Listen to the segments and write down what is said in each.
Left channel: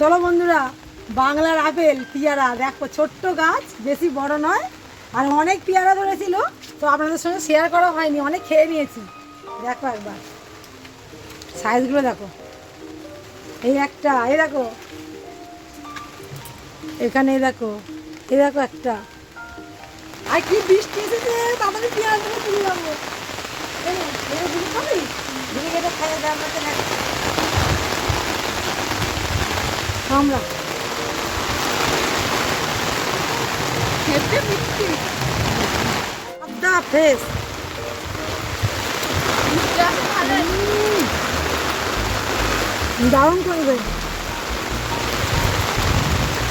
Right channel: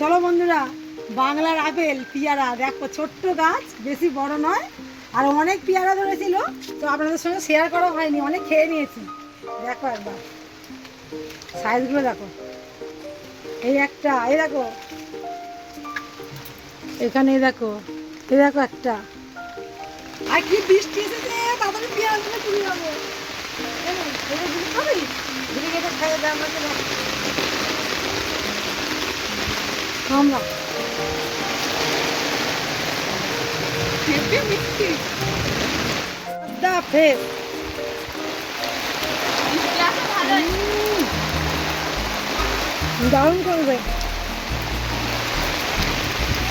চলো বন্ধুরা, বাংলার আপেল পেয়ারা দেখো, ছোট্ট গাছ, বেশি বড় নয়, আর অনেক পেয়ারা ধরেছিল, তো আপনাদের সঙ্গে শেয়ার করা হয়নি, অনেক খেয়ে নিয়েছি। দেখো একবার সাইজগুলো দেখো, এই একটা, এই দেখো এখানে, দেখো এই দেখো একটা, আর কি বৃষ্টি এসেছে, তাড়াতাড়ি পেয়ারাগুলো তুলে যাবো। খাবি এটা খাইয়ে দেওয়া আমরা ফ্রেশ দারুণ করবে।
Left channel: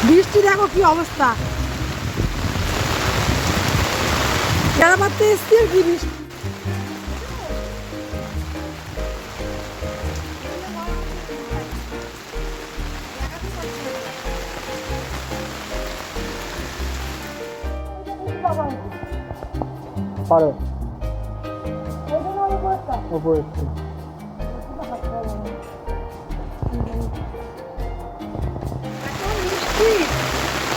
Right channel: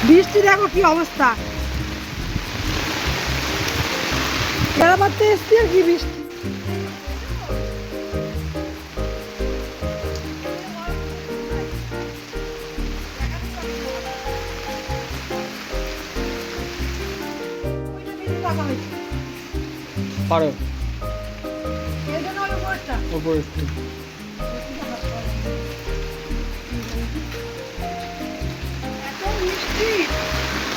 বৃষ্টি দেখো কি অবস্থা, বেড়াবাতে এসছি আর কি বৃষ্টি। পারো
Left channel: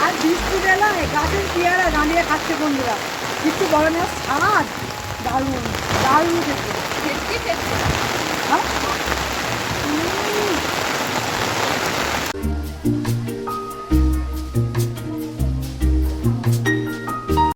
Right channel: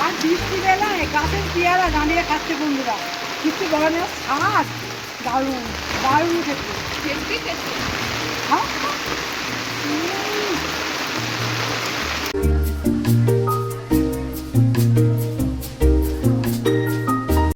আর বৃষ্টি বেলায় গাছের পেয়ারা দাঁড়িয়ে খাচ্ছে বন্ধুরা, কিছু বলে না, স্বাদ দারুণ দারুণ খেতে।